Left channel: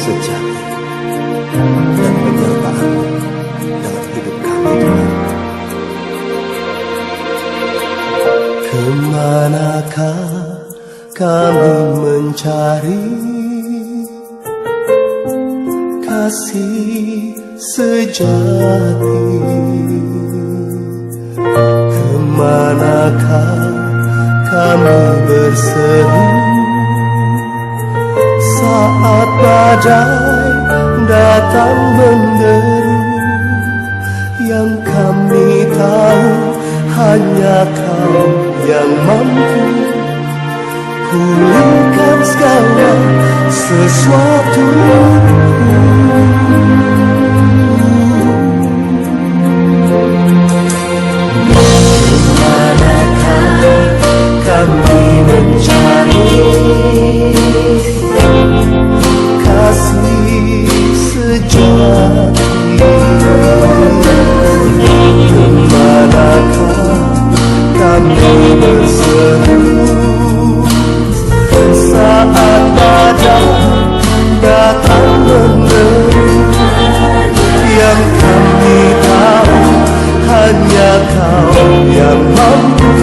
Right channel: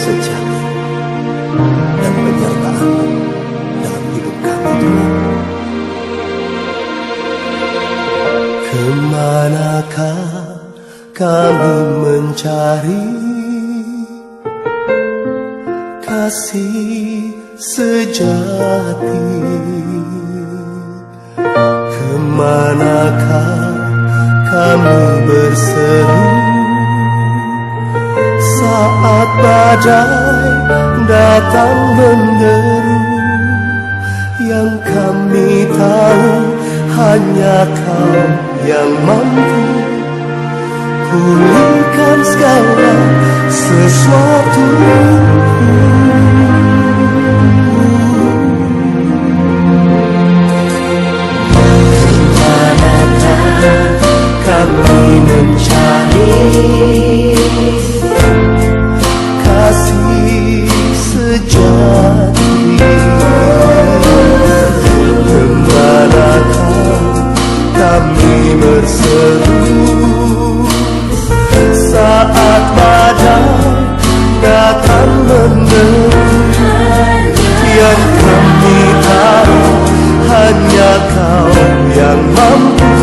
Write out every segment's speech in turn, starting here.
sejati dan penyertaan-Mu dalam hidup kami, Tuhan. Kemanakah kami mencari kasih sejati? Kemanakah kami berseru saat badai datang menderu? Yang kami tahu hanya Kau yang mampu pulihkan segala sesuatu. Kemanakah kami mencari kasih sejati? Kemanakah kami berseru saat badai datang menderu? Yang kami tahu hanya Kau yang mampu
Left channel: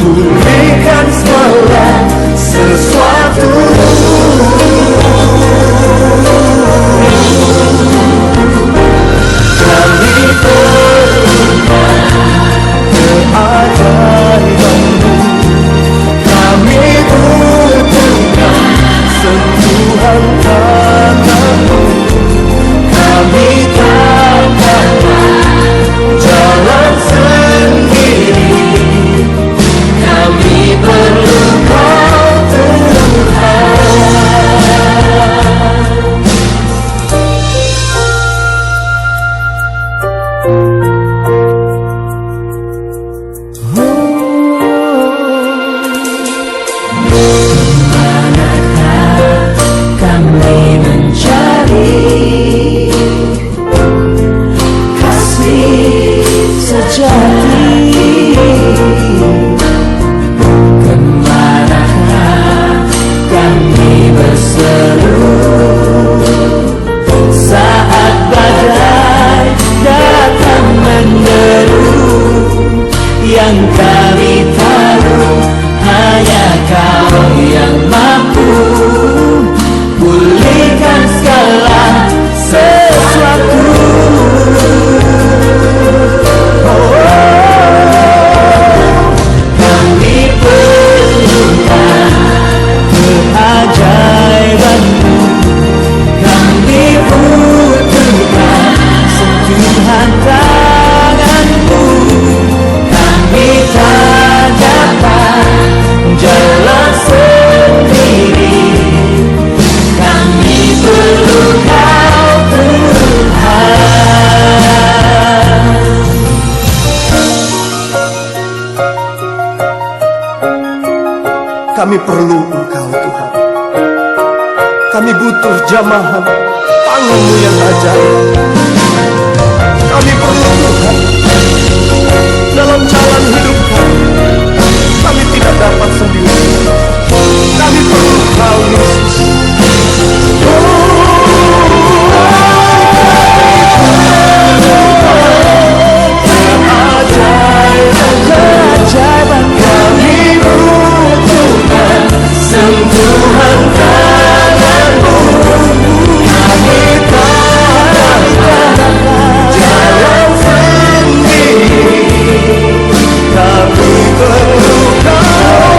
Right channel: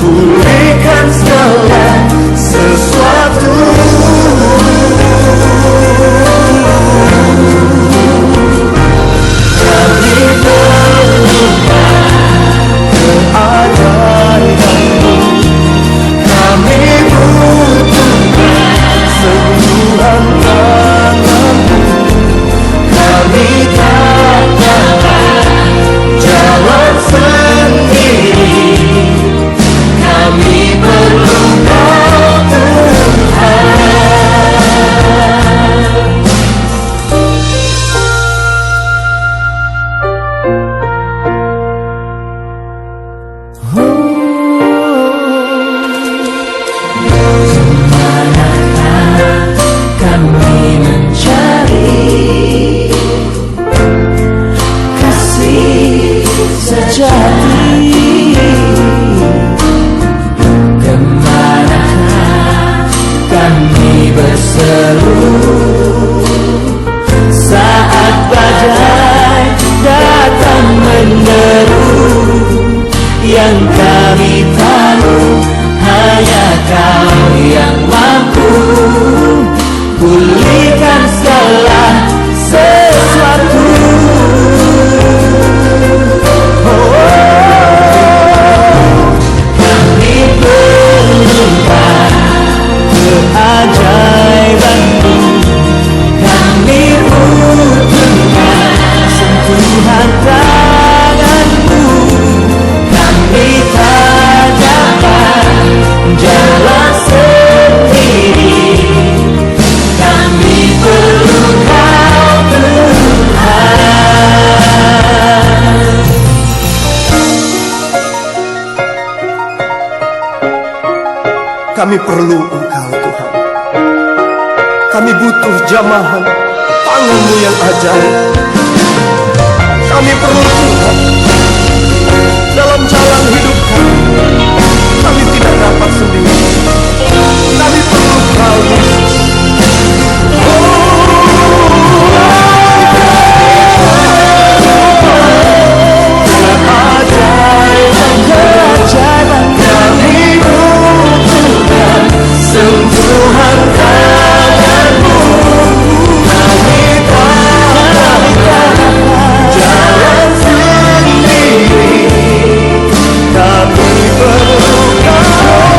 pulihkan segala sesuatu. Kami perlukan keajaiban-Mu, kami butuhkan sentuhan tangan-Mu. Kami tak dapat jalan sendiri, kami perlu Kau, Tuhan. Kemanakah kami mencari kasih sejati? Kemanakah kami berseru saat badai datang menderu? Yang kami tahu hanya Kau yang mampu pulihkan segala sesuatu. Kami perlukan keajaiban-Mu, kami butuhkan sentuhan tangan-Mu. Kami tak dapat jalan sendiri, kami perlu Kau, Tuhan. Kami perlu Engkau, Tuhan. Kami butuh jamahan tangan-Mu yang ajaib. Kami perlu Tuhan dalam jalan hidup kami. Kami tidak dapat sendiri, kami perlu Kau, Yesus. Keajaiban kami butuhkan sentuhan tangan-Mu. Kami tak dapat jalan sendiri, kami perlu Kau.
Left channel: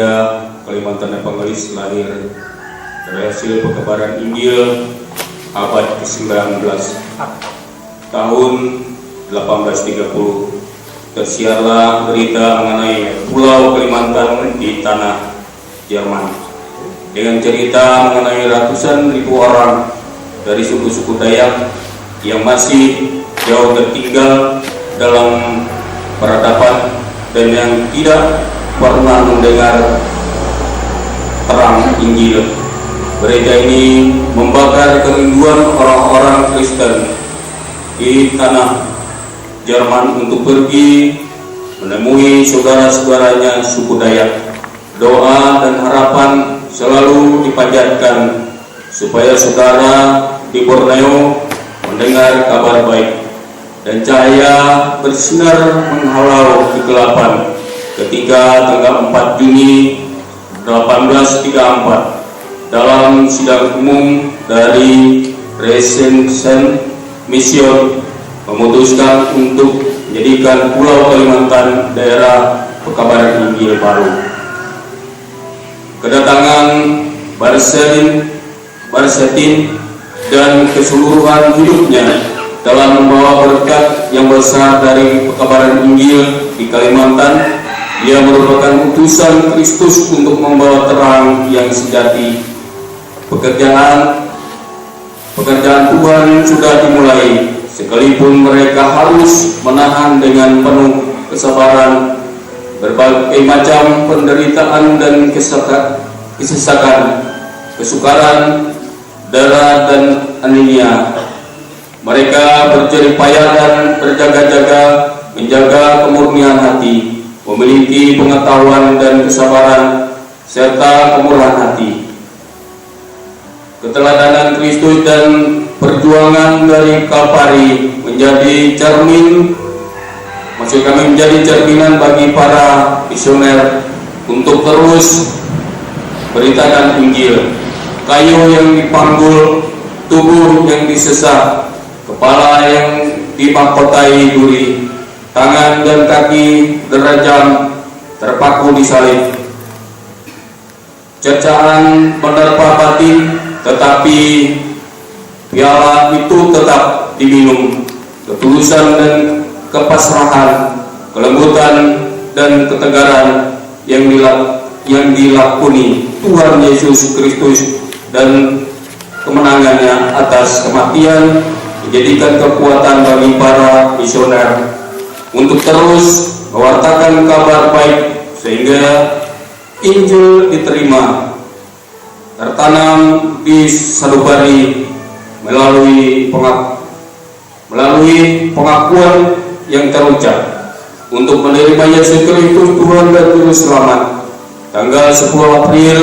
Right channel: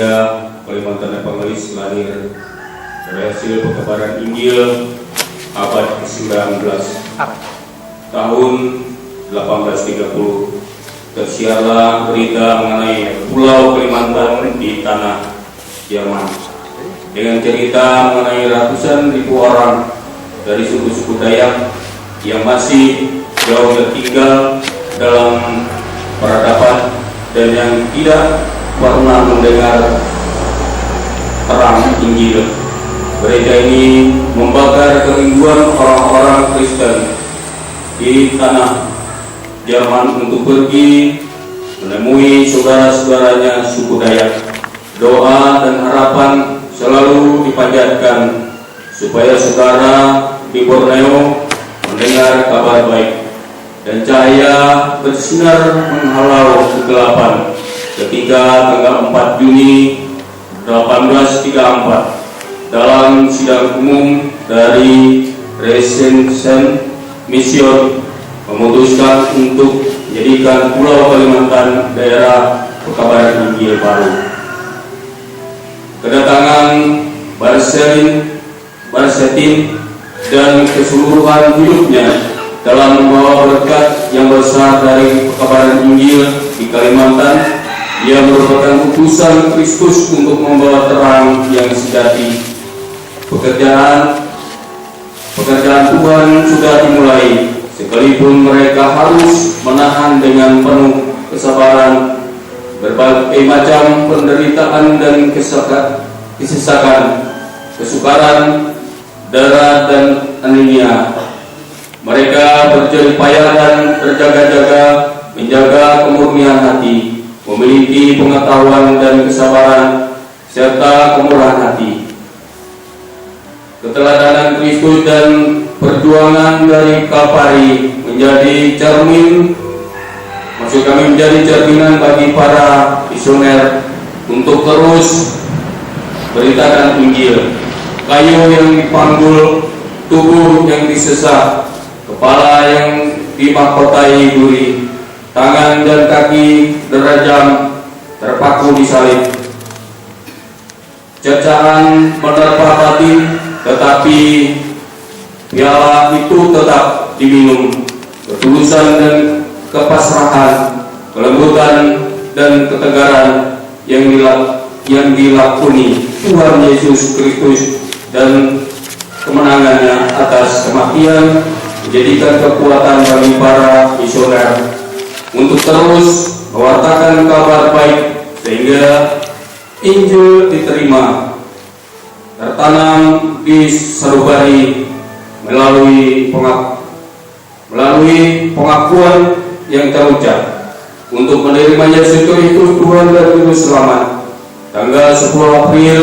Gereja Kalimantan Evangelis lahir dari hasil perkabaran Injil abad ke-19 tahun 1830. Tersiarlah berita mengenai Pulau Kalimantan di tanah Jerman dengan cerita mengenai ratusan ribu orang dari suku-suku Dayak yang masih jauh tertinggal dalam peradaban dan yang tidak pernah mendengar terang Injil. Gereja ini membakar kerinduan orang-orang Kristen di tanah Jerman untuk pergi menemui saudara-saudaranya suku Dayak. Doa dan harapan selalu dipanjatkan supaya saudara di Borneo mendengar kabar baik, dan cahaya bersinar menghalau kegelapan ketika tanggal 4 Juni 1834 dalam sidang umum dari Resensen Mission memutuskan untuk menjadikan Pulau Kalimantan daerah perkabaran Injil baru. Kedatangan Barsetin dan keseluruhan hidupnya telah membawa berkat yang besar dari perkabaran Injil di Kalimantan. Ia merupakan utusan Kristus untuk membawa terang yang sejati. Pekerjaan Tuhan sudah dimulai, sekalipun mereka harus menahan dengan penuh kesabaran berbagai macam penderitaan dan kesesakan, kesukaran, darah dan anemia. Mereka berjerih payah dan berjaga-jaga menjaga kemurnian hati, memiliki pengetahuan dan kesabaran serta kemurahan hati. Keteladanan Kristus dan perjuangan dari Kalvari menjadi cerminan bagi para misioner untuk terus beritakan Injil. Kayu yang dipanggul, tubuh yang disesak, kepala yang dimahkotai duri, tangan dan kaki derajam terpaku di salib. Cercaan menerpa batin, tetapi piala itu tetap diminum. Ketulusan dan kepasrahan, kelembutan dan ketegaran yang dilakoni Tuhan Yesus Kristus dan kemenangannya atas kematian menjadikan kekuatan bagi para misioner untuk terus mewartakan kabar baik sehingga Injil diterima, tertanam di sanubari melalui pengakuan yang terucap untuk menerima Yesus Kristus Tuhan dan Juru Selamat. Tanggal 10 April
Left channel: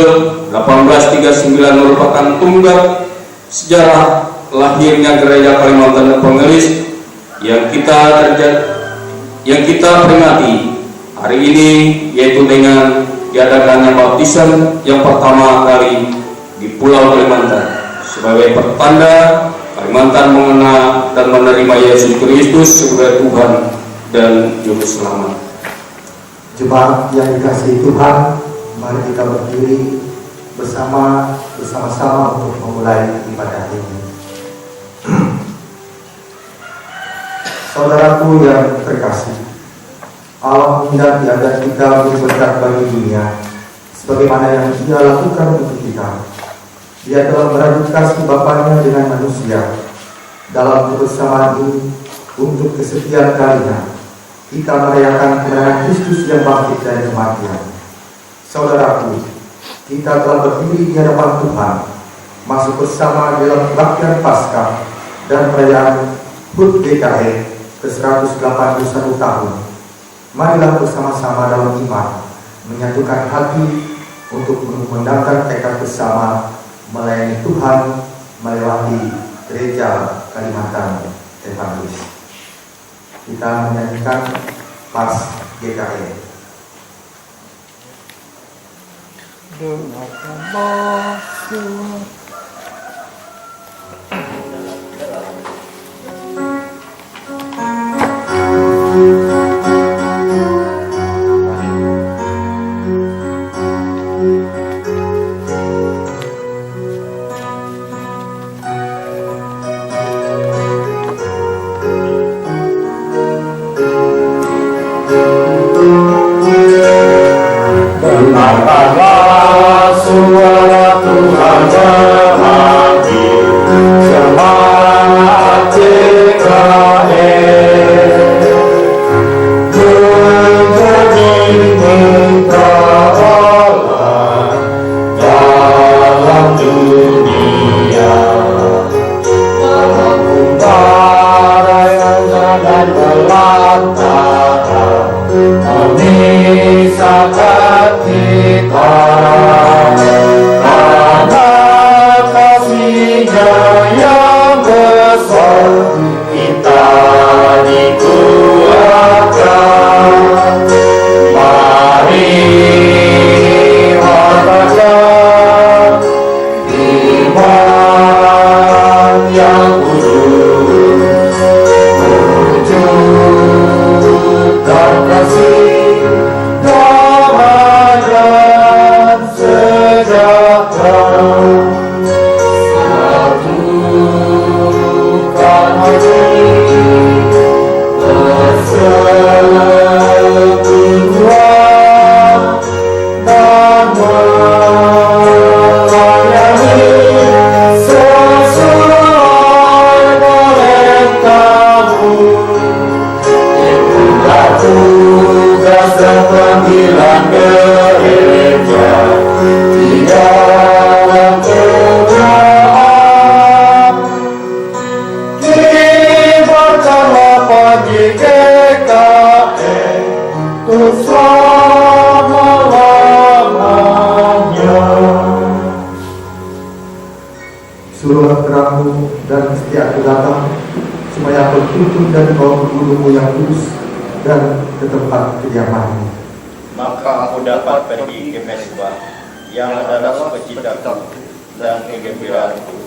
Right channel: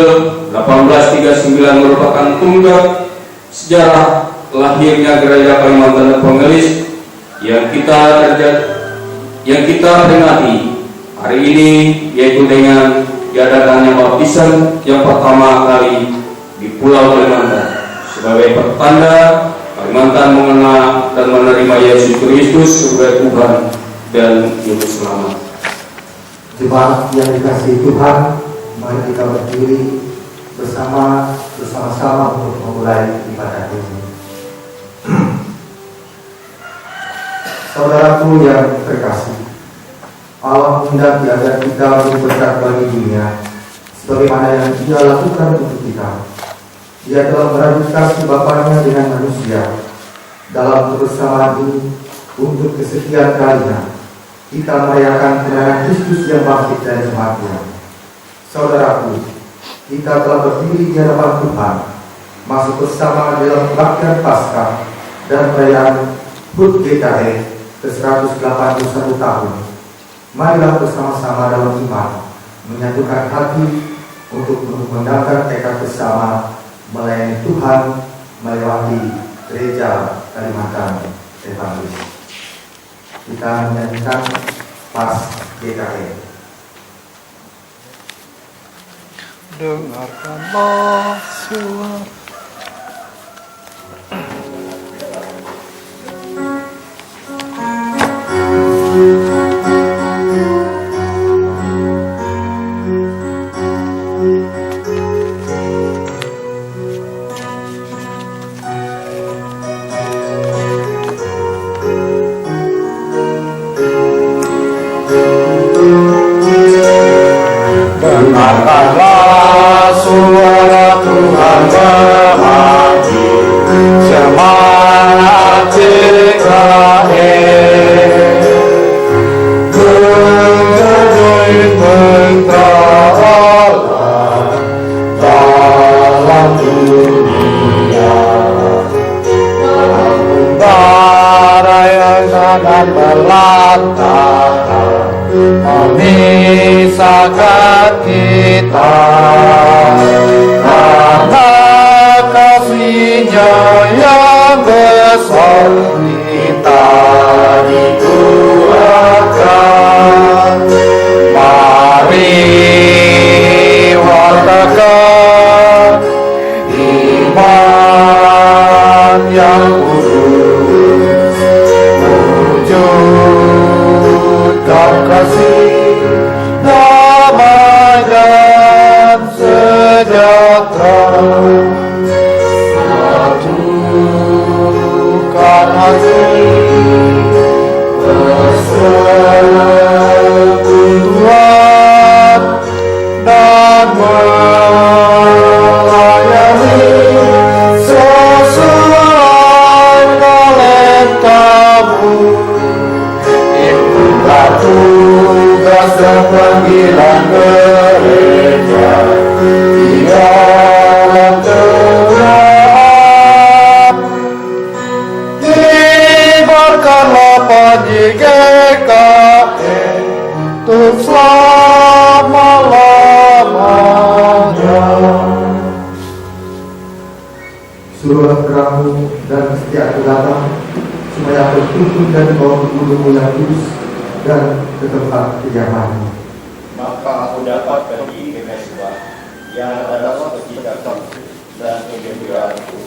1839 merupakan tonggak sejarah lahirnya Gereja Kalimantan Evangelis yang kita peringati hari ini, yaitu dengan diadakannya baptisan yang pertama kali di Pulau Kalimantan sebagai pertanda Kalimantan mengenal dan menerima Yesus Kristus sebagai Tuhan dan Juru Selamat. Jemaat yang dikasihi Tuhan, mari kita berdiri bersama-sama untuk memulai ibadah ini. Saudaraku yang terkasih, Allah menghendaki agar kita menjadi berkat bagi dunia, sebagaimana yang Dia lakukan untuk kita. Dia telah beradukasi Bapaknya dengan manusia. Dalam kebersamaan ini, untuk kesekian kalinya, kita merayakan kemenangan Kristus yang bangkit dari kematian. Saudaraku, kita telah berdiri di hadapan Tuhan, masuk bersama dalam kebaktian Paskah dan perayaan HUT GKE ke-181 tahun. Marilah bersama-sama dalam iman menyatukan hati untuk mengundangkan tekad bersama melayani Tuhan melewati Gereja Kalimantan Evangelis. Kita menyanyikan Pas GKE. Dengarkanlah suara Jemaat JKN menjadi Allah dalam dunia, mengembara yang sangat belantara, memisahkan kita karena kasih-Nya yang besar. Kita dikuatkan, mari wartakan iman yang kudus, wujudkan kasih, damai dan sejahtera. Satukan hati, persekutuan, dan melayani sesuai talentamu. Itulah tugas dan panggilan gereja, tidak terberat. Kibarkanlah pagi GKN untuk selama-lamanya. Suruhlah terangmu dan setiap datang, supaya aku tuntun dan bawa ke gunungmu yang kudus dan ke tempat kediamanmu. Maka aku dapat pergi ke Mesbah yang adalah sukacitaku dan kegembiraanku,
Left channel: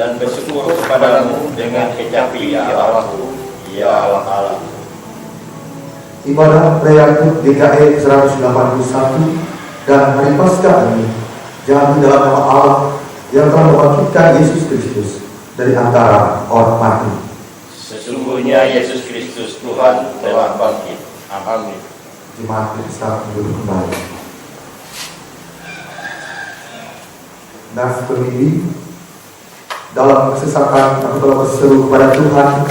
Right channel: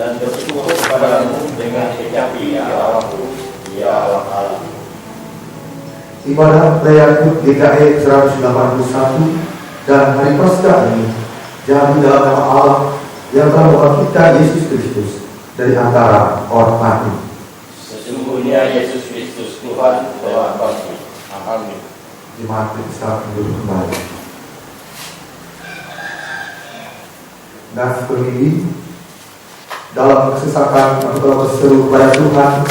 dan bersyukur kepadamu dengan kecapi ya Allahku, ya Allah. Ibadah perayaan GKE 181 dan hari Paskah ini jadi dalam nama Allah yang telah membangkitkan Yesus Kristus dari antara orang mati. Sesungguhnya Yesus Kristus Tuhan telah bangkit. Amin. Jemaat Kristus duduk kembali. Nas pemilih dalam kesesakan aku telah berseru kepada Tuhan.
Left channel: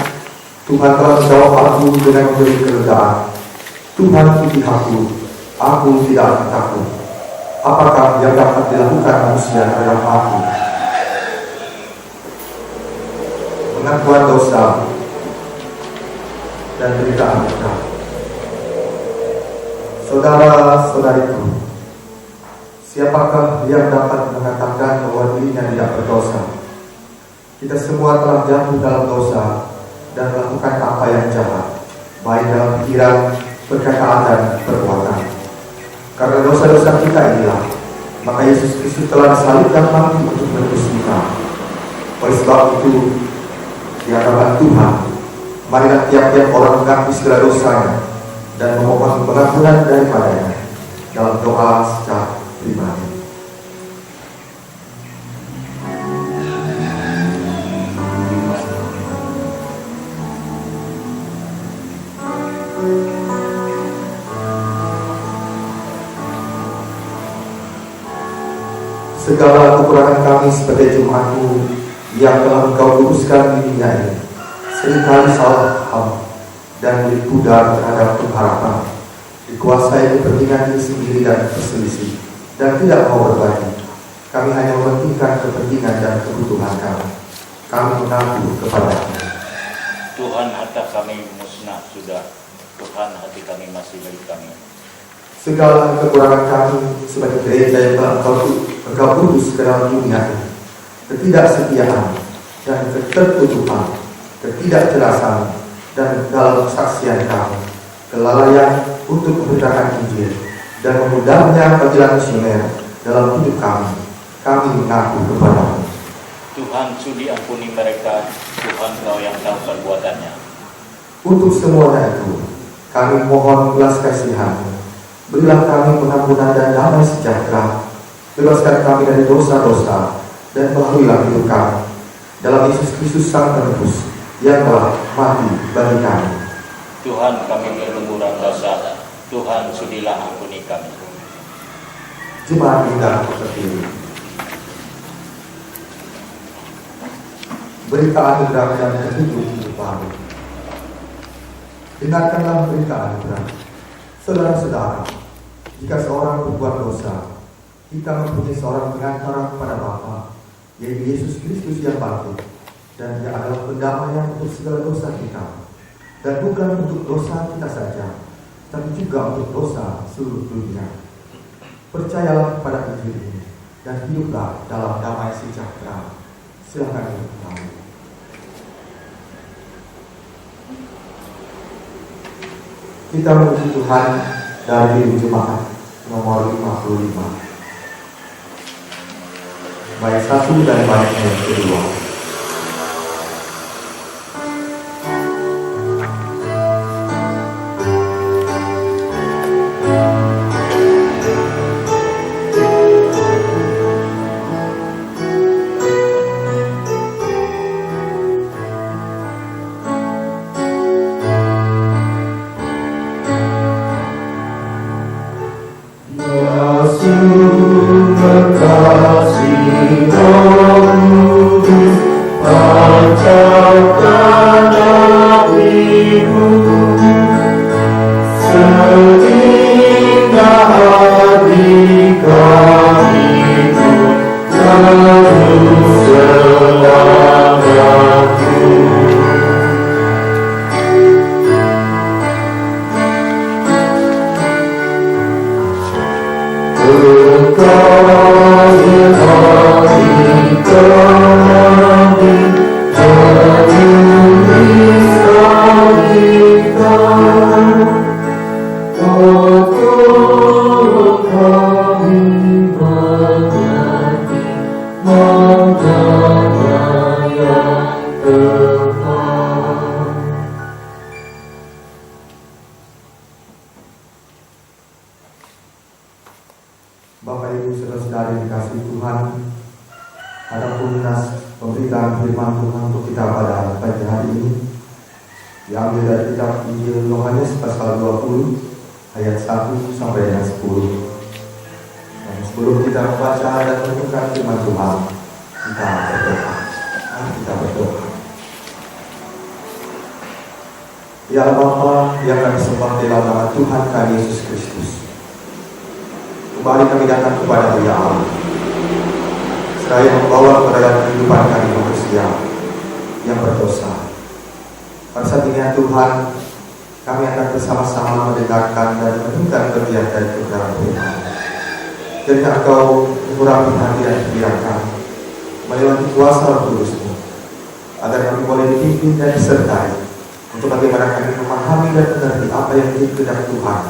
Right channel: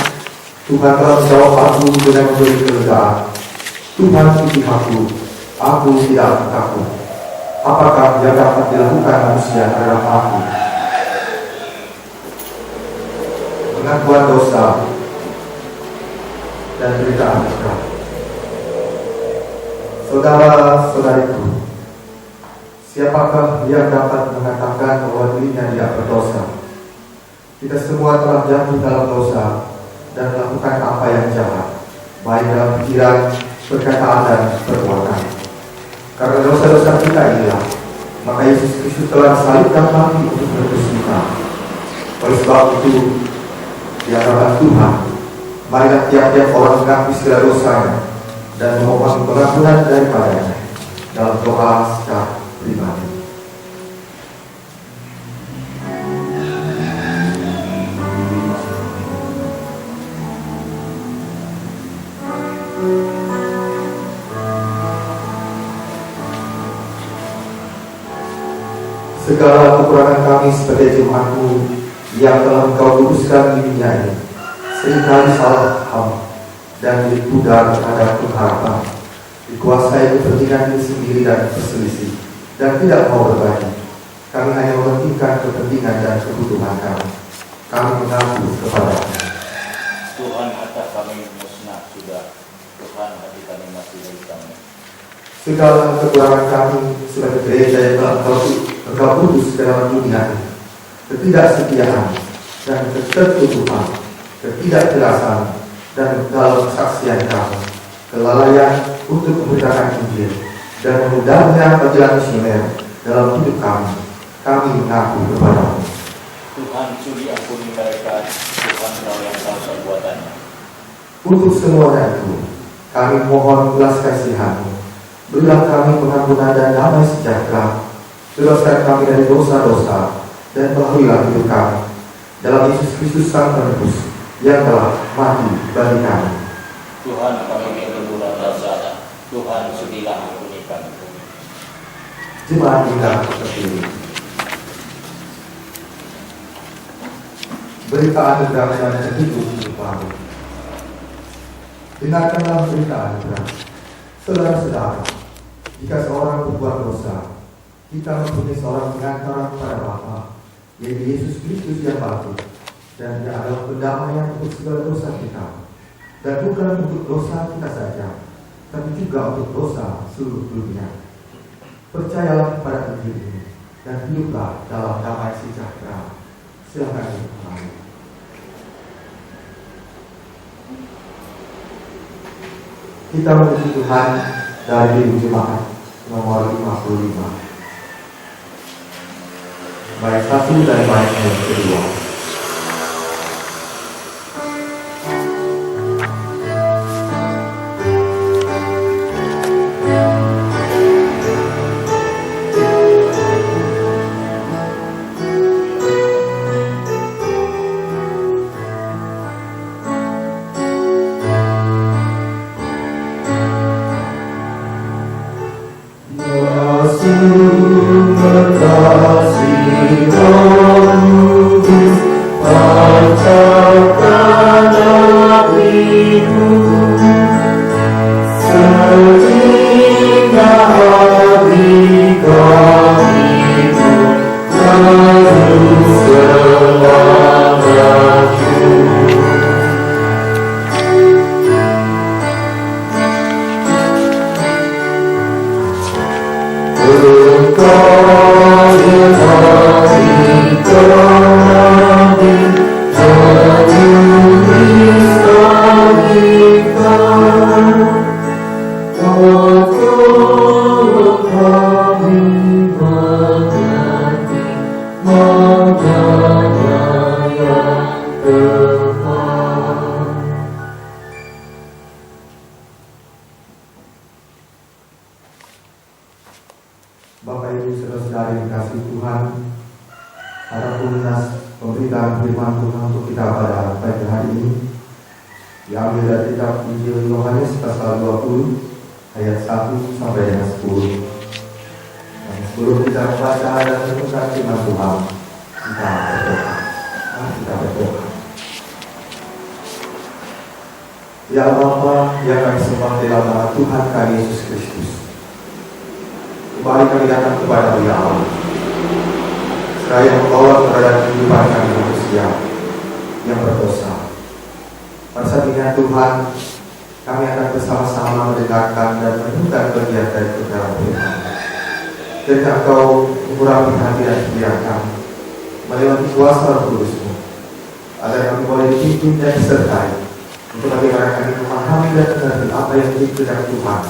Tuhan telah menjawab aku dengan memberi kelegaan. Tuhan di pihakku, aku tidak takut. Apakah yang dapat dilakukan manusia terhadap aku? Pengakuan dosa dan berita anugerah. Saudara-saudariku, siapakah yang dapat mengatakan bahwa dirinya tidak berdosa? Kita semua telah jatuh dalam dosa dan melakukan apa yang jahat, baik dalam pikiran, perkataan, dan perbuatan. Karena dosa-dosa kita inilah, maka Yesus Kristus telah disalibkan mati untuk menebus kita. Oleh sebab itu, di hadapan Tuhan, marilah tiap-tiap orang mengakui segala dosanya dan memohon pengampunan daripadanya dalam doa secara pribadi. Segala kekurangan kami sebagai jemaatmu yang telah Engkau luruskan di dunia ini, seringkali salah paham dan dipudar terhadap pengharapan, dikuasai kepentingan diri sendiri dan berselisih, dan tidak mau berbagi. Kami hanya mementingkan kepentingan dan kebutuhan kami. Kami mengaku kepada-Nya. Tuhan, harta kami musnah sudah. Tuhan, hati kami masih milik kami. Segala kekurangan kami sebagai gereja yang telah Engkau utus ke dalam dunia ini, ketidaksetiaan dan ketertutupan, ketidakjelasan dan dalam kesaksian kami, kelalaian untuk memberitakan Injil dan memudahnya panggilan misioner dalam hidup kami mengaku kepada-Mu. Tuhan, sudi ampuni mereka. Tuhan, Kau yang tahu perbuatannya. Untuk semuanya itu, kami mohon belas kasihan-Mu. Berilah kami pengampunan dan damai sejahtera. Bebaskan kami dari dosa-dosa dan pelahuilah hidup kami dalam Yesus Kristus Sang Penebus yang telah mati bagi kami. Tuhan, kami berlemburan dosa. Tuhan, sudilah ampuni kami. Jemaat indah terpilih, berita anugerah dan petunjuk hidup baru. Dengarkanlah berita anugerah. Saudara-saudara, jika seorang berbuat dosa, kita mempunyai seorang pengantara kepada Bapa, yaitu Yesus Kristus yang bangkit, dan Dia adalah pendamaian untuk segala dosa kita, dan bukan untuk dosa kita saja, tapi juga untuk dosa seluruh dunia. Percayalah kepada Injil ini dan hiduplah dalam damai sejahtera. Silakan dimulai. Kita memuji Tuhan dari jemaat nomor 55. Bait 1 dan bait yang kedua. Bapak Ibu saudara-saudari dikasihi Tuhan, adapun pemberitaan firman Tuhan untuk kita pada pagi hari ini diambil dari kitab Injil Yohanes pasal 20 ayat 1 sampai dengan 10. Dan sebelum kita membaca dan merenungkan firman Tuhan, kita berdoa. Ya Bapa yang kami sembah dalam nama Tuhan kami Yesus Kristus, kembali kami datang kepada Dia Allah, seraya membawa keberadaan kehidupan kami manusia yang berdosa. Pada saat ini Tuhan, kami akan bersama-sama mendengarkan dan merenungkan kegiatan kebenaran firman. Kiranya Engkau mengurangi hati dan pikiran kami melewati kuasa Roh Kudus-Mu, agar kami boleh dipimpin dan disertai untuk bagaimana kami memahami dan mengerti apa yang menjadi kehendak Tuhan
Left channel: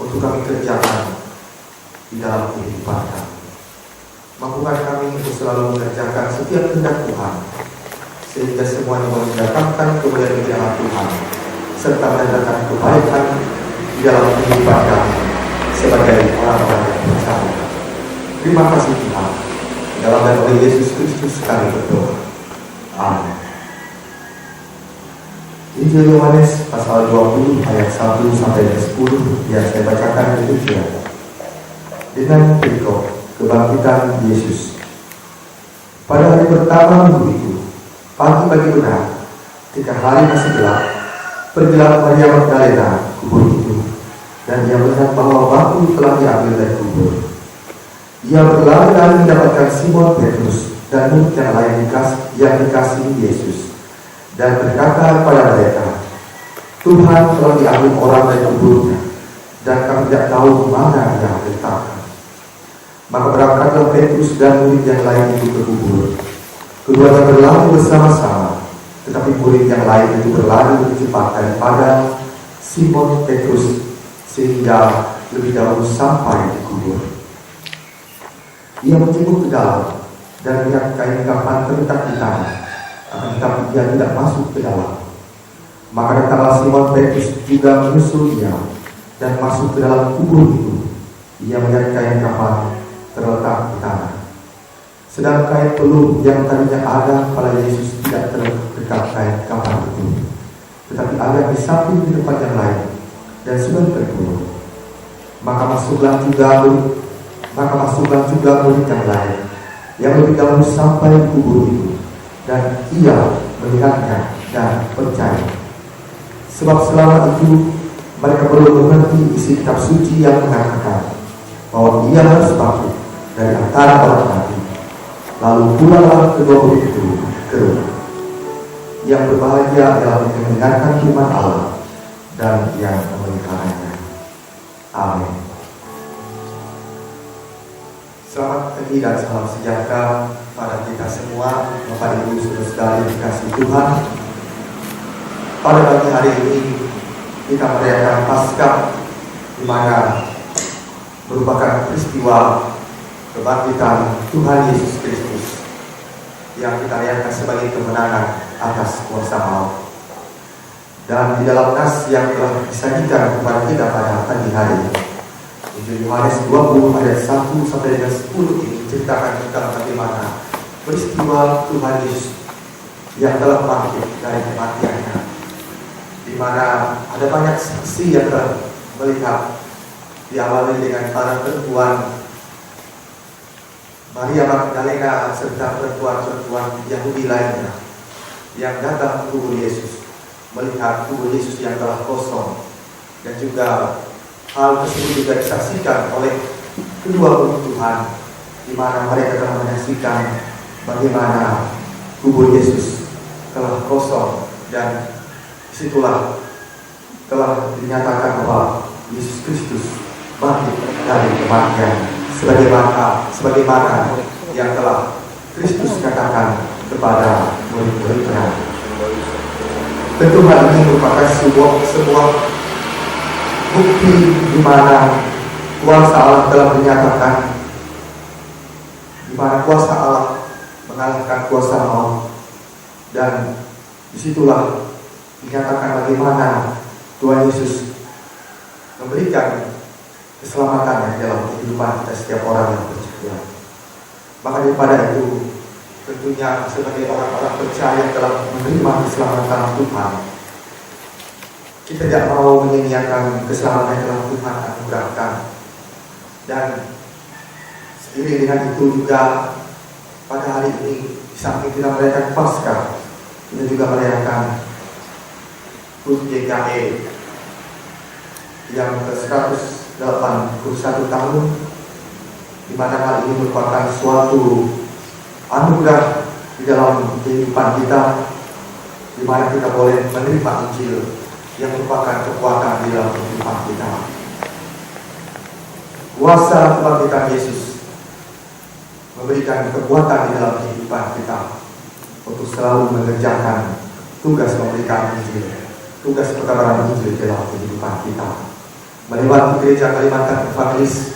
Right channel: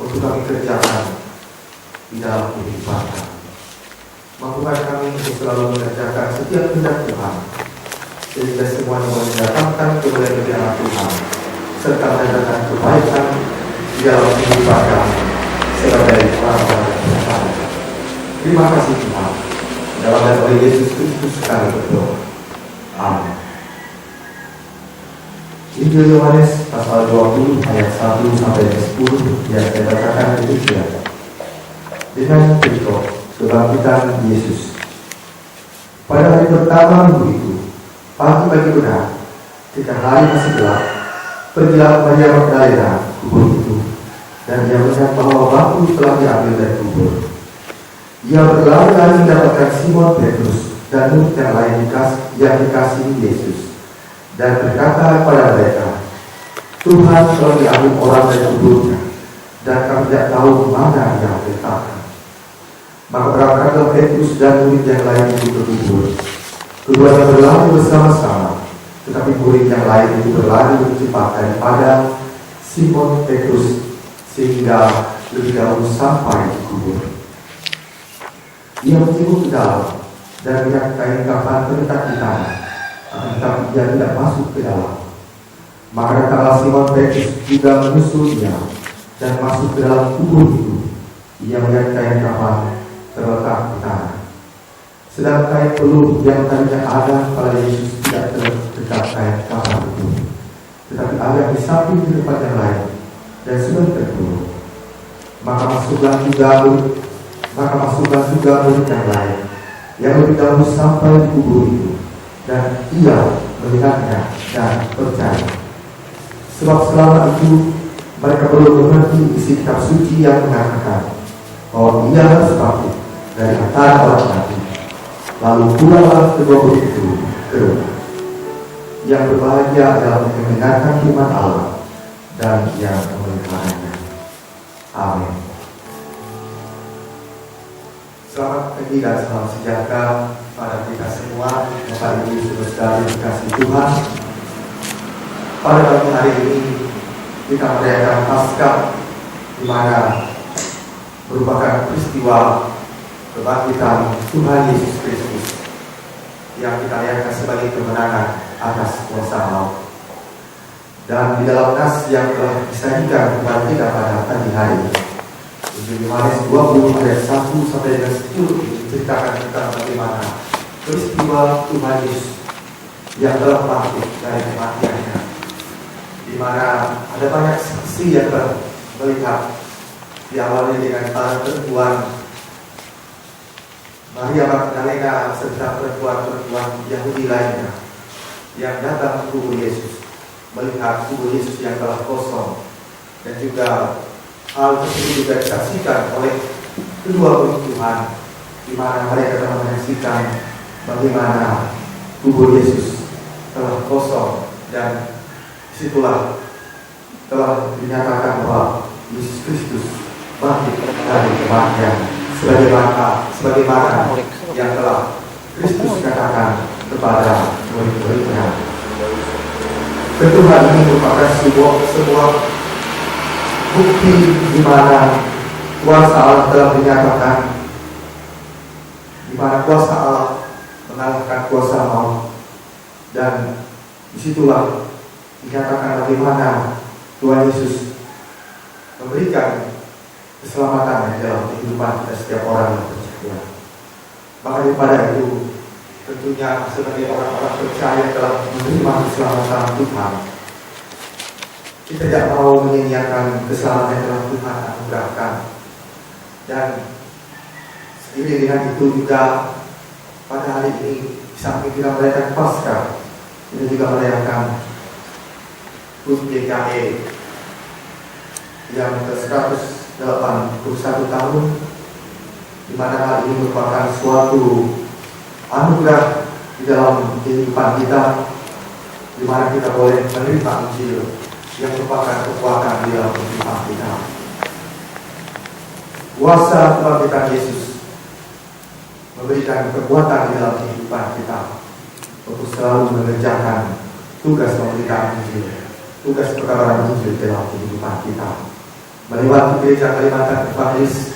untuk kami kerjakan di dalam kehidupan kami. Mampukan kami untuk selalu mengerjakan setiap kehendak Tuhan, sehingga semuanya boleh mendatangkan kemuliaan Tuhan serta mendatangkan kebaikan di dalam kehidupan kami sebagai orang-orang yang percaya. Terima kasih Tuhan. Dalam nama Yesus Kristus kami berdoa. Amin. Injil Yohanes pasal 20 ayat 1 sampai 10 yang saya bacakan demikian. Dengan perikop kebangkitan Yesus. Pada hari pertama minggu itu, pagi-pagi benar, ketika hari masih gelap, pergilah Maria Magdalena kubur itu, dan ia melihat bahwa batu telah diambil dari kubur. Ia berlari-lari mendapatkan Simon Petrus dan murid yang lain yang dikasihi Yesus, dan berkata kepada mereka, Tuhan telah diambil orang dari kuburnya, dan kami tidak tahu di mana Dia diletakkan. Maka berangkatlah Petrus dan murid yang lain itu ke kubur. Keduanya berlari bersama-sama, tetapi murid yang lain itu berlari lebih cepat daripada Simon Petrus, sehingga lebih dahulu sampai di kubur. Ia mencibuk ke dalam dan melihat kain kafan terletak di tanah, akan tetapi ia tidak masuk ke dalam. Maka datanglah Simon Petrus juga menyusul dia dan masuk ke dalam kubur itu. Ia melihat kain kafan terletak di tanah, sedang kain peluh yang tadinya ada pada Yesus tidak terdekat kain kafan itu, tetapi ada di samping di tempat yang lain dan sudah terkulur. Maka masuklah juga murid yang lain yang lebih dahulu sampai di kubur itu, dan ia melihatnya dan percaya. Sebab selama itu mereka belum mengerti isi kitab suci yang mengatakan bahwa ia harus bangkit dari antara orang mati. Lalu pulanglah kedua murid itu ke rumah. Yang berbahagia adalah yang mendengarkan firman Allah dan yang memeliharanya. Amin. Selamat pagi dan salam sejahtera pada kita semua, Bapak Ibu Saudara yang dikasihi Tuhan. Pada pagi hari ini kita merayakan Paskah, di mana merupakan peristiwa kebangkitan Tuhan Yesus Kristus yang kita rayakan sebagai kemenangan atas kuasa maut. Dan di dalam nas yang telah disajikan kepada kita pada pagi hari ini, Injil Yohanes 20 ayat 1 sampai dengan 10 ini menceritakan tentang bagaimana peristiwa Tuhan Yesus yang telah bangkit dari kematiannya, di mana ada banyak saksi yang telah melihat, diawali dengan para perempuan Maria Magdalena serta perempuan-perempuan Yahudi lainnya yang datang ke kubur Yesus, melihat kubur Yesus yang telah kosong. Dan juga hal tersebut juga disaksikan oleh kedua murid Tuhan, di mana mereka telah menyaksikan bagaimana kubur Yesus telah kosong, dan disitulah telah dinyatakan bahwa Yesus Kristus bangkit dari kematian, sebagaimana yang telah Kristus katakan kepada murid-muridnya. Tentu hal ini merupakan sebuah bukti di mana kuasa Allah telah dinyatakan, di mana kuasa Allah mengalahkan kuasa maut, dan disitulah dinyatakan bagaimana Tuhan Yesus memberikan keselamatan dalam kehidupan kita setiap orang yang percaya. Maka daripada itu, tentunya sebagai orang-orang percaya yang telah menerima keselamatan Tuhan, kita tidak mau menyia-nyiakan keselamatan yang telah Tuhan anugerahkan. Dan seiring dengan itu juga pada hari ini, di samping kita merayakan Paskah, kita juga merayakan HUT JKE yang ke-181 tahun, di mana hal ini merupakan suatu anugerah di dalam kehidupan kita, di mana kita boleh menerima Injil yang merupakan kekuatan di dalam kehidupan kita. Kuasa kebangkitan Yesus memberikan kekuatan di dalam kehidupan kita untuk selalu mengerjakan tugas memberikan Injil, tugas perkabaran Injil dalam kehidupan kita. Melewati gereja Kalimantan Evangelis,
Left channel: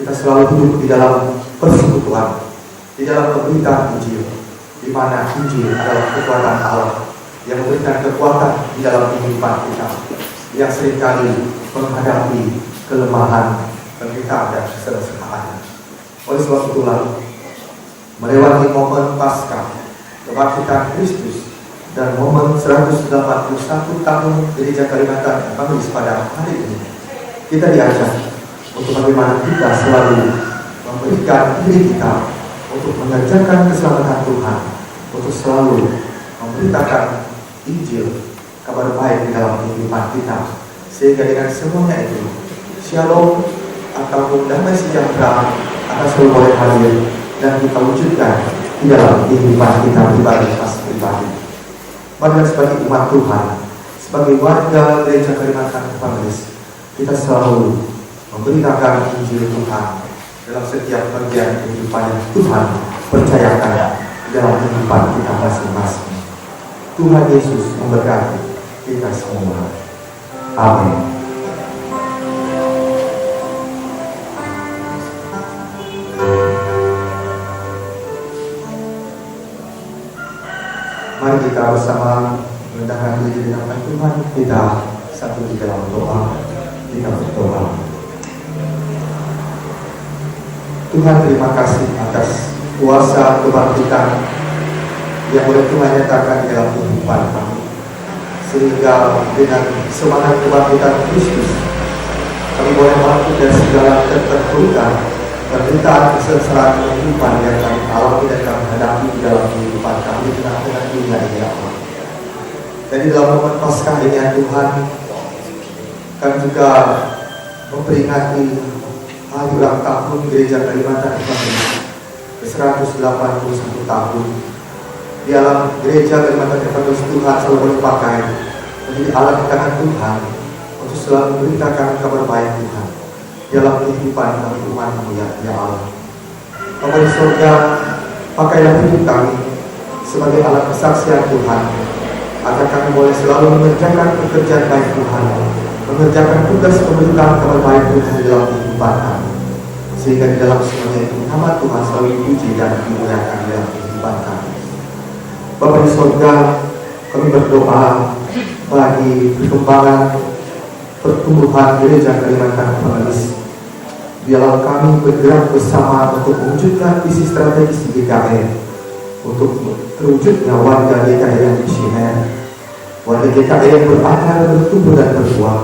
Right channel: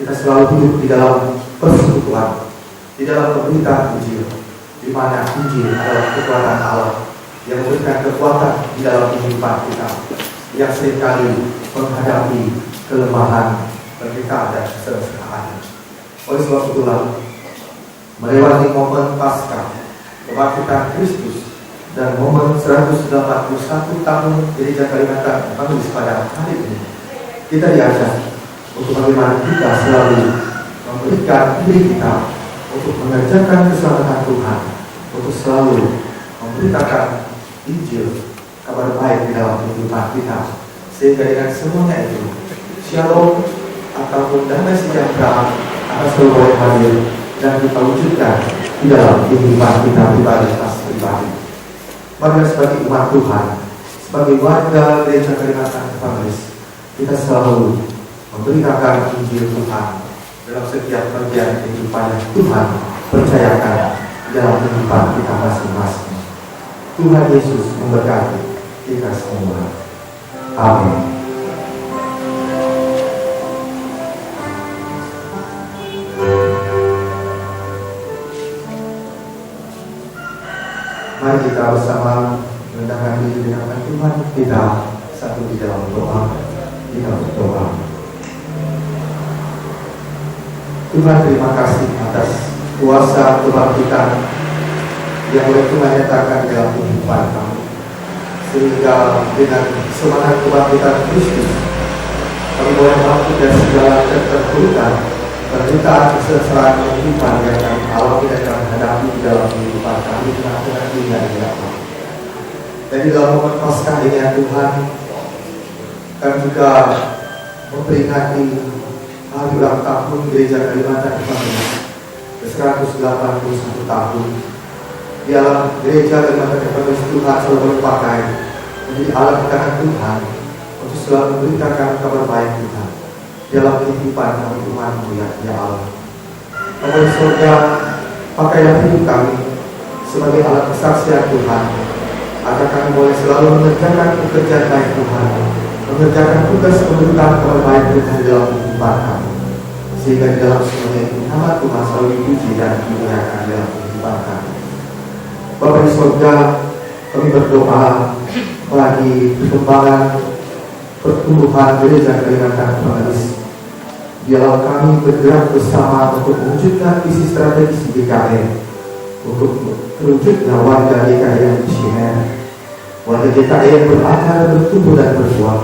kita selalu hidup di dalam persekutuan, di dalam pemberitaan Injil, di mana Injil adalah kekuatan Allah yang memberikan kekuatan di dalam kehidupan kita, yang seringkali menghadapi kelemahan, penderitaan dan kesengsaraan. Oleh sebab itulah, melewati momen Paskah, kebangkitan Kristus, dan momen 181 tahun Gereja Kalimantan Evangelis pada hari ini, kita diajak untuk bagaimana kita selalu memberikan diri kita untuk mengerjakan keselamatan Tuhan, untuk selalu memberitakan Injil, kabar baik di dalam kehidupan kita, sehingga dengan semuanya itu, shalom ataupun damai sejahtera akan selalu boleh hadir dan kita wujudkan di dalam kehidupan kita pribadi. Maka sebagai umat Tuhan, sebagai warga Gereja Kalimantan Evangelis, kita selalu memberitakan Injil Tuhan dalam setiap bagian kehidupan yang Tuhan percayakan dalam kehidupan kita masing-masing. Tuhan Yesus memberkati kita semua. Amin. Mari kita bersama merendahkan diri di hadapan Tuhan kita, satu di dalam doa. Kita berdoa. Tuhan, terima kasih atas kuasa kebangkitan yang boleh Tuhan nyatakan dalam kehidupan kami, sehingga dengan semangat kebangkitan Kristus kami boleh bangkit dari segala keterpurukan, penderitaan, kesengsaraan kehidupan yang kami alami dan kami hadapi di dalam kehidupan kami dengan dunia ini, ya Allah. Dan di dalam momen Paskah ini ya Tuhan, kami juga memperingati hari ulang tahun Gereja Kalimantan Evangelis ke-181 tahun. Di dalam Gereja Kalimantan Evangelis Tuhan selalu berpakai menjadi alat tangan Tuhan untuk selalu memberitakan kabar baik Tuhan dalam kehidupan kami umat-Mu ya Allah. Bapa di surga, pakailah hidup kami sebagai alat kesaksian Tuhan, agar kami boleh selalu mengerjakan pekerjaan baik Tuhan, mengerjakan tugas pemberitaan kabar baik Tuhan dalam kehidupan kami, sehingga di dalam semuanya itu nama Tuhan selalu dipuji dan dimuliakan dalam kehidupan kami. Bapa di surga, kami berdoa bagi perkembangan pertumbuhan Gereja Kalimantan Evangelis. Biarlah kami bergerak bersama untuk mewujudkan visi strategis GKI, untuk terwujudnya warga GKI yang visioner, warga GKI yang berakar, bertumbuh dan berbuah,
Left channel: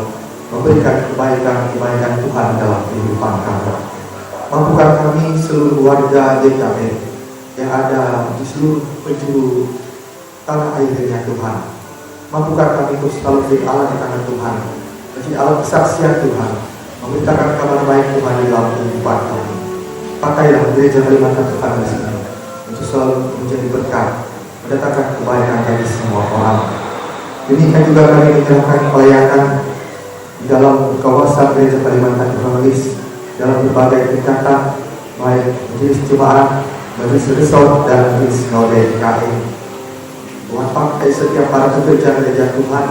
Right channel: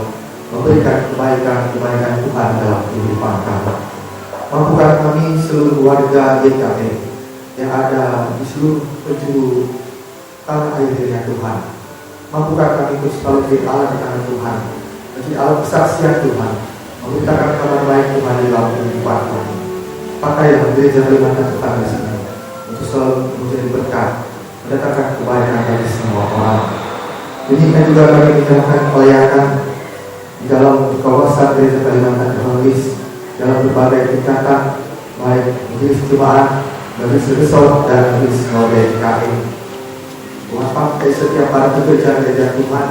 memberikan kebaikan-kebaikan Tuhan dalam kehidupan kami. Mampukan kami seluruh warga GKI yang ada di seluruh penjuru tanah air ini ya Tuhan. Mampukan kami untuk selalu menjadi alat di tangan Tuhan, menjadi alat kesaksian Tuhan, memberitakan kabar baik Tuhan di dalam kehidupan kami. Pakailah Gereja Kalimantan Evangelis ini untuk selalu menjadi berkat, mendatangkan kebaikan bagi semua orang. Demikian juga kami menyerahkan pelayanan di dalam kawasan Gereja Kalimantan Evangelis dalam berbagai tingkatan, baik majelis jemaat, majelis resort dan majelis sinode GKI. Tuhan pakai setiap para pekerja gereja Tuhan,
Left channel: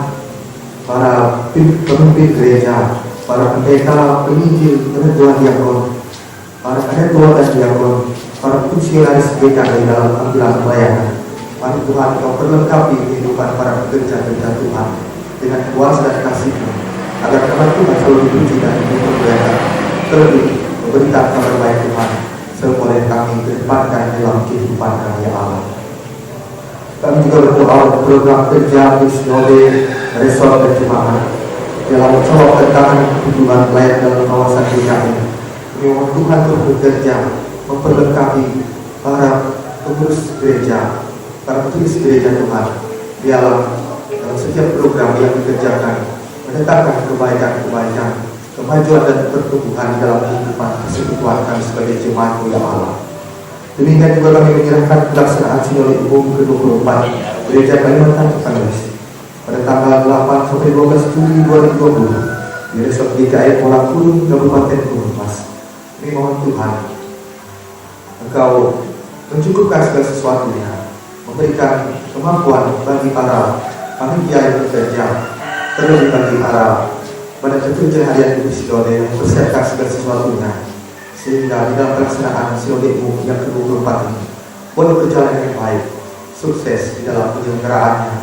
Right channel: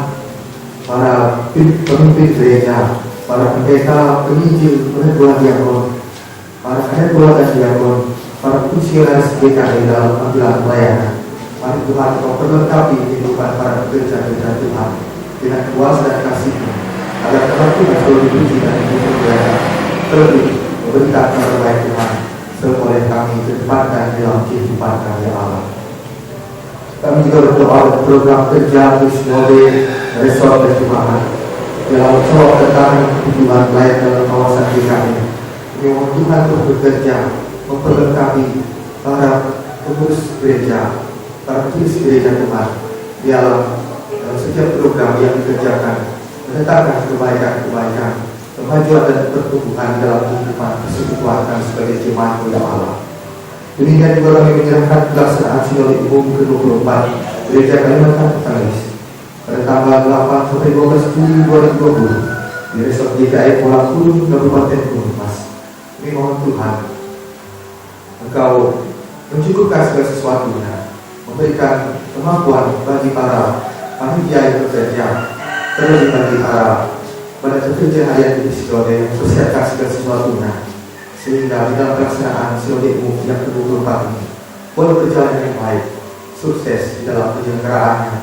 para pemimpin gereja, para pendeta, penginjil, penetua diakon, para ketua dan diakon, para fungsionaris GKI dalam panggilan pelayanan. Mari Tuhan Kau perlengkapi kehidupan para pekerja gereja Tuhan dengan kuasa dan kasih-Mu, agar nama Tuhan selalu dipuji dan dimuliakan, terlebih memberitakan kabar baik Tuhan seboleh kami kedepankan dalam kehidupan kami ya Allah. Kami juga berdoa untuk program kerja Sinode, resort dan jemaat dalam mencoba tentang tujuan layak dalam kawasan GKI. Memang Tuhan terus bekerja memperlengkapi para pengurus gereja, para petugas gereja Tuhan di dalam setiap program yang dikerjakan, mendatangkan kebaikan-kebaikan, kemajuan dan pertumbuhan di dalam kehidupan persekutuan kami sebagai jemaat ya Allah. Demikian juga kami menyerahkan pelaksanaan Sinode Umum ke-24 Gereja Kalimantan Evangelis pada tanggal 8 sampai 12 Juli 2020 di Resort GKI Pulau Kudung, Kabupaten Gunung Mas. Kami mohon Tuhan, Engkau mencukupkan segala sesuatunya, memberikan kemampuan bagi para panitia yang bekerja, terlebih bagi para pekerja harian di Sinode yang mempersiapkan segala sesuatunya, sehingga di dalam pelaksanaan Sinode Umum yang ke-24 ini boleh berjalan dengan baik, sukses di dalam penyelenggaraannya,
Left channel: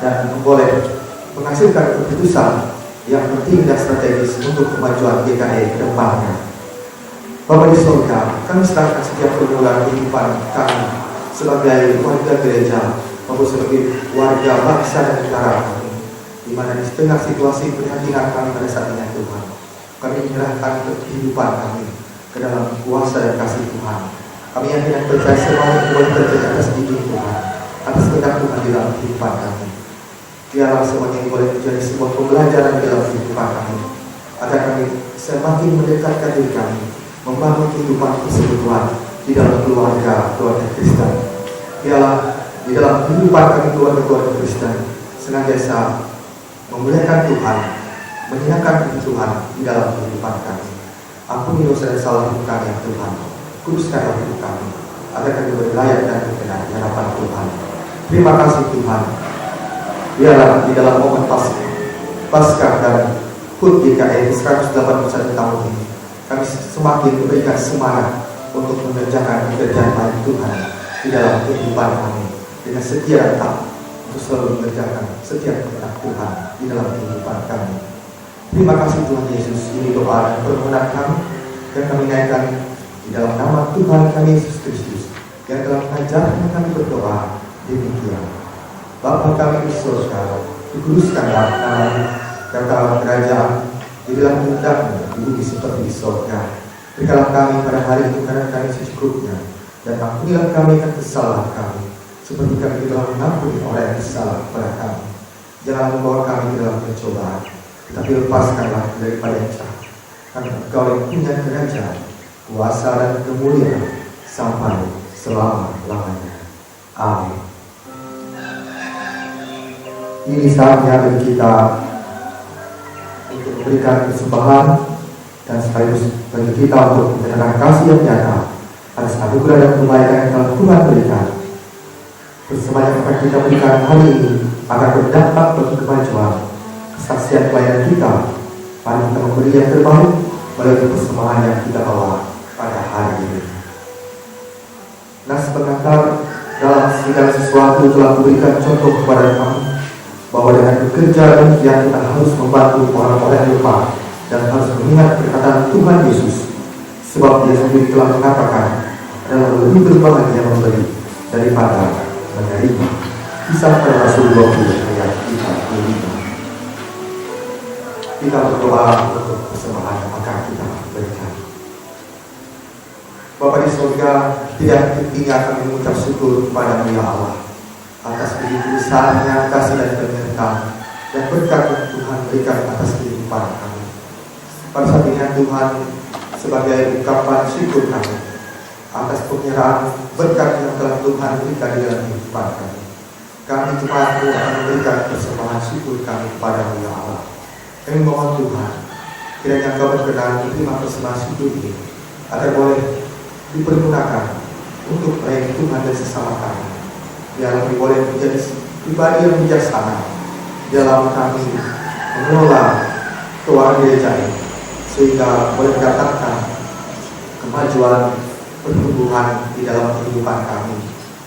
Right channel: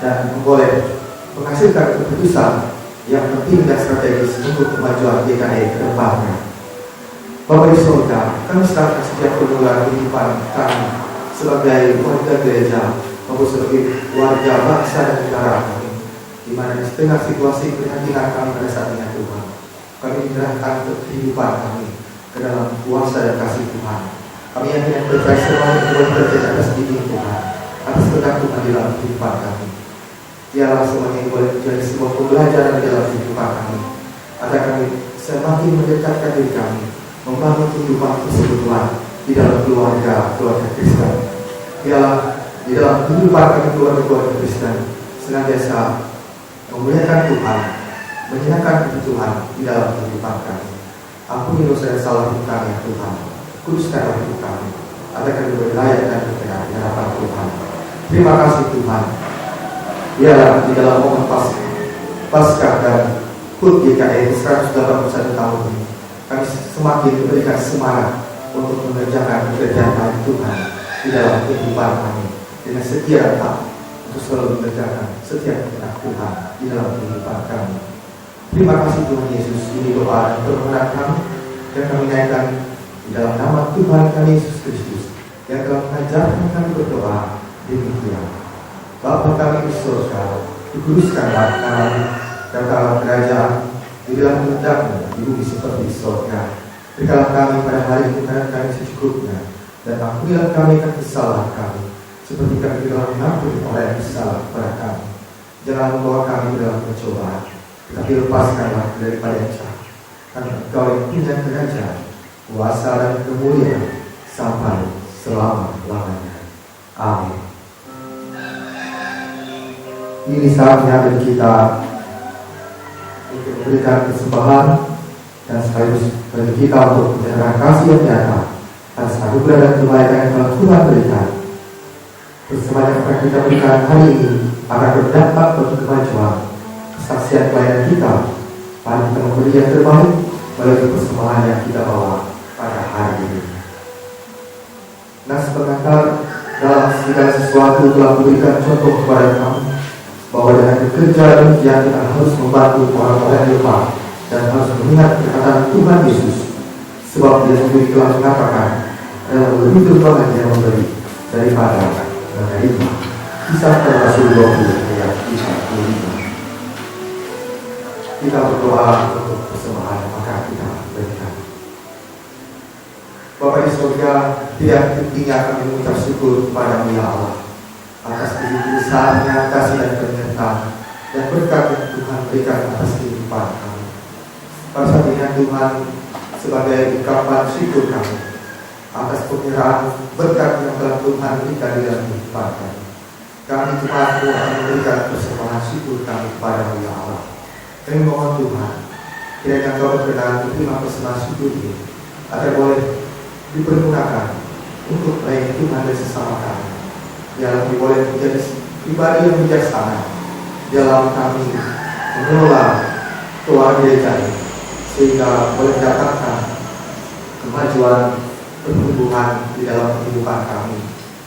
dan boleh menghasilkan keputusan yang penting dan strategis untuk kemajuan GKI ke depannya. Bapa di surga, kami serahkan setiap pergumulan kehidupan kami sebagai warga gereja maupun sebagai warga bangsa dan negara kami, di mana di setengah situasi prihatinan kami pada saat ini Tuhan, kami menyerahkan kehidupan kami ke dalam kuasa dan kasih Tuhan. Kami yakin dan percaya semuanya boleh terjadi atas izin Tuhan, atas kehendak Tuhan di dalam kehidupan kami. Biarlah semuanya boleh menjadi sebuah pembelajaran di dalam kehidupan kami, agar kami semakin mendekatkan diri kami, membangun kehidupan persekutuan di dalam keluarga Kristen. Biarlah di dalam kehidupan kami keluarga Kristen senantiasa memuliakan Tuhan, menyenangkan Tuhan di dalam kehidupan kami. Ampuni dosa dan salah kami ya Tuhan, kuduskanlah hidup kami, agar kami berlayak dan berkenan di hadapan Tuhan. Terima kasih Tuhan. Biarlah di dalam momen Paskah dan HUT GKI 181 tahun ini, kami semakin memberikan semangat untuk mengerjakan pekerjaan baik Tuhan di dalam kehidupan kami, dengan setia dan taat untuk selalu mengerjakan setiap kehendak Tuhan di dalam kehidupan kami. Terima kasih Tuhan Yesus, ini doa dan permohonan kami yang kami naikkan di dalam nama Tuhan kami Yesus Kristus yang telah mengajarkan kami berdoa demikian. Bapa kami di surga, dikuduskanlah nama-Mu, datanglah kerajaan, di dalam kehendak-Mu di bumi seperti di surga. Berikanlah kami pada hari ini makanan kami secukupnya, dan ampunilah kami akan kesalahan kami, seperti kami telah mengampuni orang yang bersalah kepada kami. Jangan membawa kami ke dalam pencobaan, tetapi lepaskanlah daripada yang jahat. Karena Engkau yang punya kerajaan, kuasa dan kemuliaan sampai selama-lamanya. Amin. Ini saatnya bagi kita untuk memberikan persembahan dan sekaligus bagi kita untuk menyatakan kasih yang nyata atas anugerah dan kebaikan yang telah Tuhan berikan. Persembahan yang akan kita berikan hari ini akan berdampak bagi kemajuan kesaksian pelayanan kita. Mari kita memberi yang terbaik melalui persembahan yang kita bawa pada hari ini. Nas pengantar dalam segala sesuatu telah memberikan contoh kepada kami bahwa dengan bekerja demikian kita harus membantu orang-orang yang lemah dan harus mengingat perkataan Tuhan Yesus, sebab Dia sendiri telah mengatakan adalah lebih berbahagia memberi daripada menerima. Kisah para Rasul 20 ayat 35. Kita berdoa untuk persembahan yang akan kita berikan. Bapa di surga, tidak henti-hentinya kami mengucap syukur kepada-Mu ya Allah atas begitu besarnya kasih dan penyertaan dan berkat yang Tuhan berikan atas kehidupan kami. Pada saat ini Tuhan, sebagai ungkapan syukur kami atas penyerahan berkat yang telah Tuhan berikan di dalam kehidupan kami, kami jemaat-Mu akan memberikan persembahan syukur kami kepada-Mu ya Allah. Kami mohon Tuhan, kiranya Engkau berkenan menerima persembahan syukur ini agar boleh dipergunakan untuk melayani Tuhan dan sesama kami. Biarlah kami boleh menjadi pribadi yang bijaksana dalam kami mengelola keuangan gereja ini, sehingga boleh mendatangkan kemajuan pertumbuhan di dalam kehidupan kami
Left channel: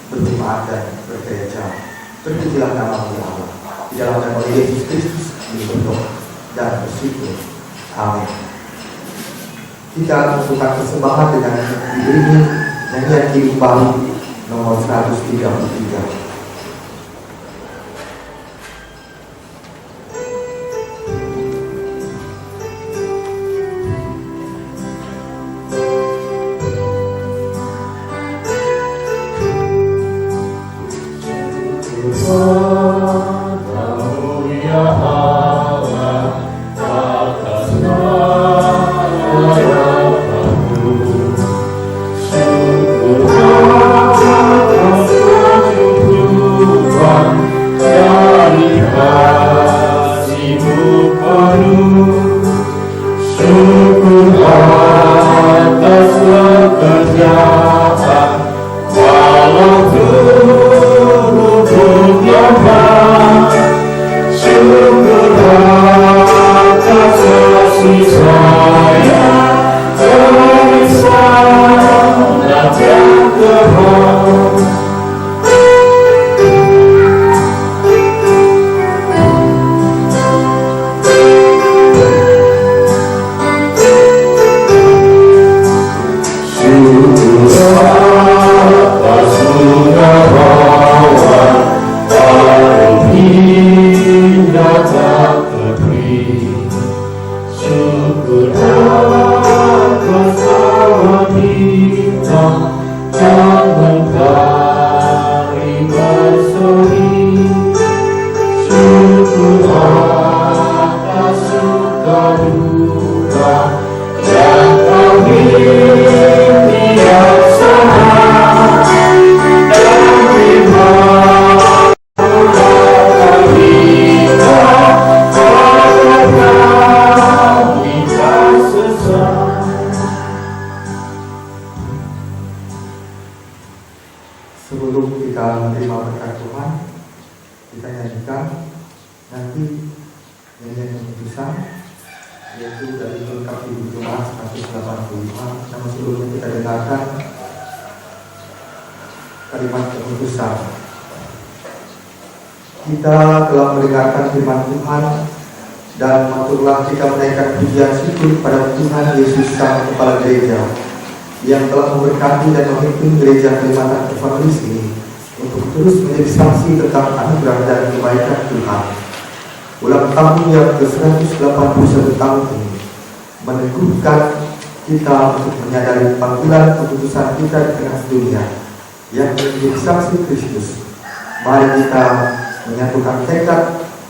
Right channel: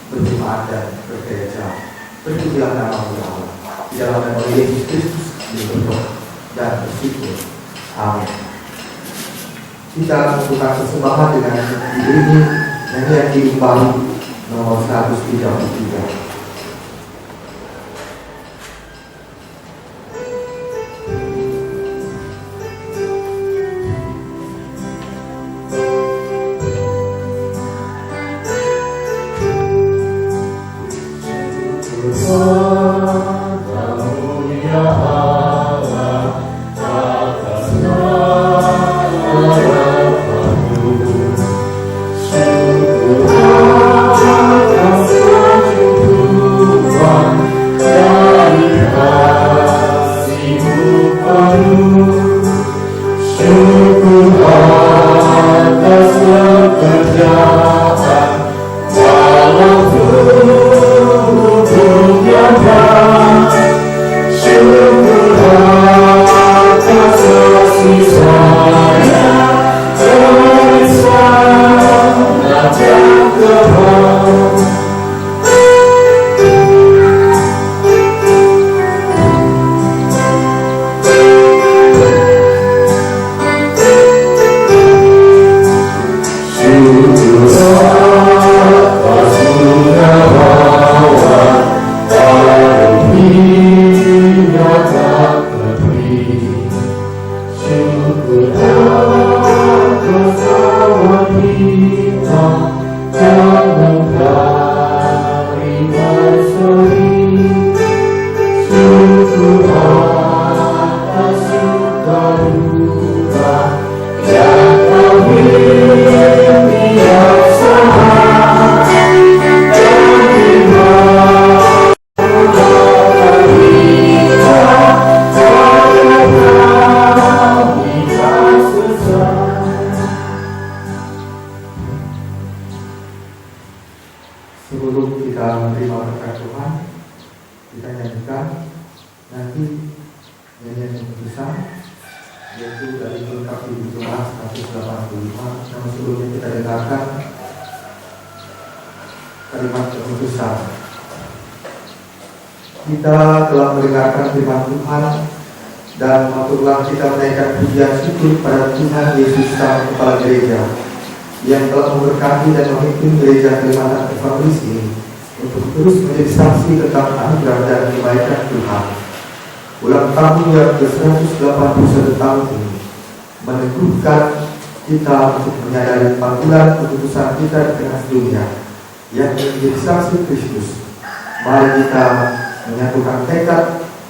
berjemaat dan bergereja. Terpujilah nama-Mu ya Allah. Di dalam nama Yesus Kristus kami berdoa dan bersyukur. Amin. Kita lakukan persembahan dengan diiringi nyanyian Hidup Baru nomor 133. Sebelum kita menerima berkat Tuhan, kita nyanyikan nanti nyanyian keputusan, yaitu dari Melengkapi Hidup Jemaat 185. Namun sebelumnya kita dengarkan kalimat keputusan. Kita telah mendengarkan firman Tuhan dan maturlah kita menaikkan pujian syukur kepada Tuhan Yesus Sang Kepala Gereja yang telah memberkati dan memimpin gereja Kalimantan Evangelis ini untuk terus menjadi saksi tentang anugerah dan kebaikan Tuhan. Ulang tahun yang ke-181 tahun ini meneguhkan kita untuk menyadari panggilan keputusan kita di tengah dunia yang menjadi saksi Kristus. Mari kita menyatukan tekad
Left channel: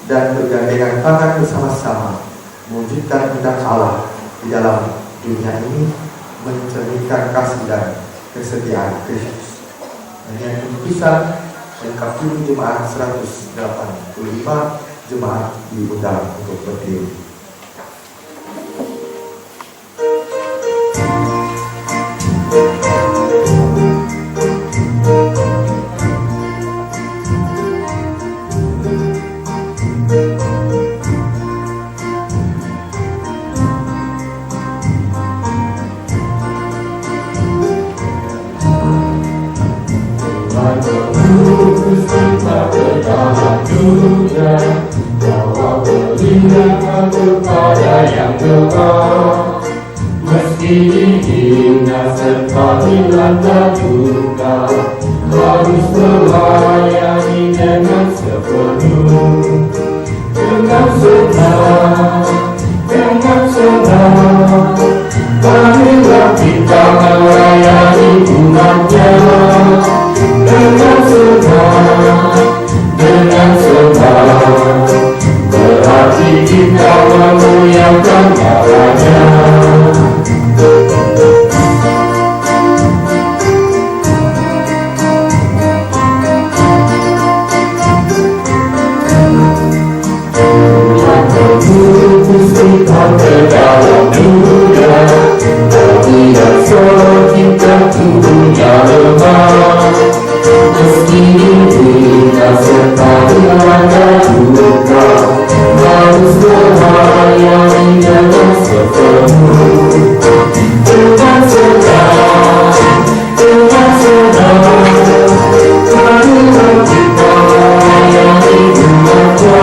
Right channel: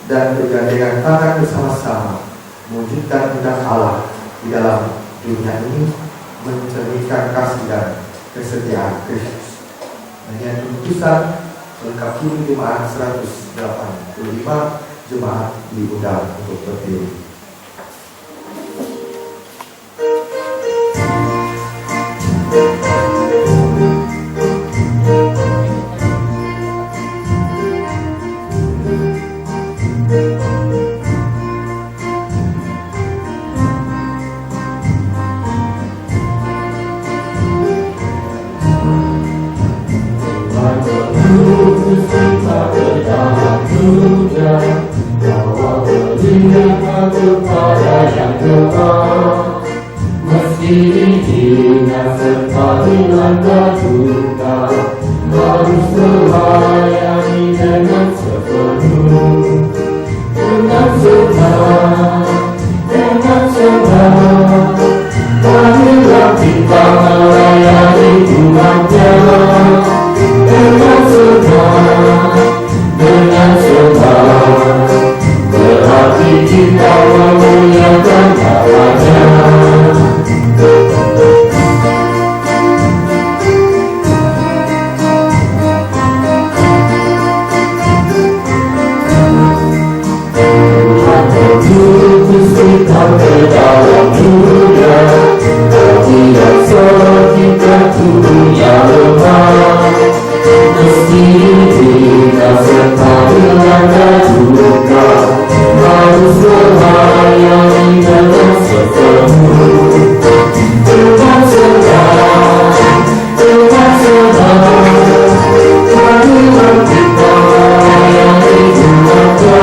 dan bergandengan tangan bersama-sama mewujudkan kehendak Allah di dalam dunia ini, mencerminkan kasih dan kesetiaan Kristus. Nyanyian keputusan melengkapi jemaat 185 jemaat diundang untuk berdiri. Meski dihina serta dilanda duka, harus melayani dengan sepenuh, dengan senang, dengan senang. Marilah kita melayani umatnya dengan senang, dengan senang. Berarti kita memuliakan namanya. Ke dalam dunia, tapi kita tubuhnya lemah. Meski kita serta dilanda duka, harus melayani dengan sepenuh, dengan senang, dengan senang. Marilah kita melayani umatnya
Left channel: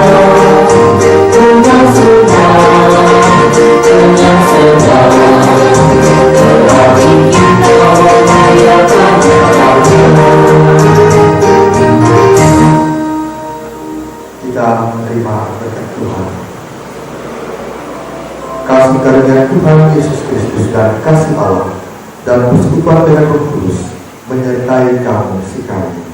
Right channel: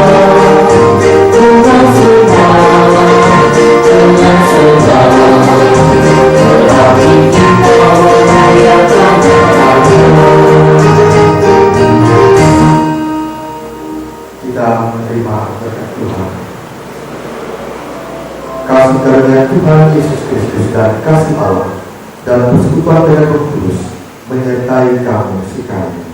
dengan senang, dengan senang. Berarti kita memuliakan namanya. Kita menerima berkat Tuhan. Kasih karunia Tuhan Yesus Kristus dan kasih Allah dan persekutuan dengan Roh Kudus menyertai kamu sekalian.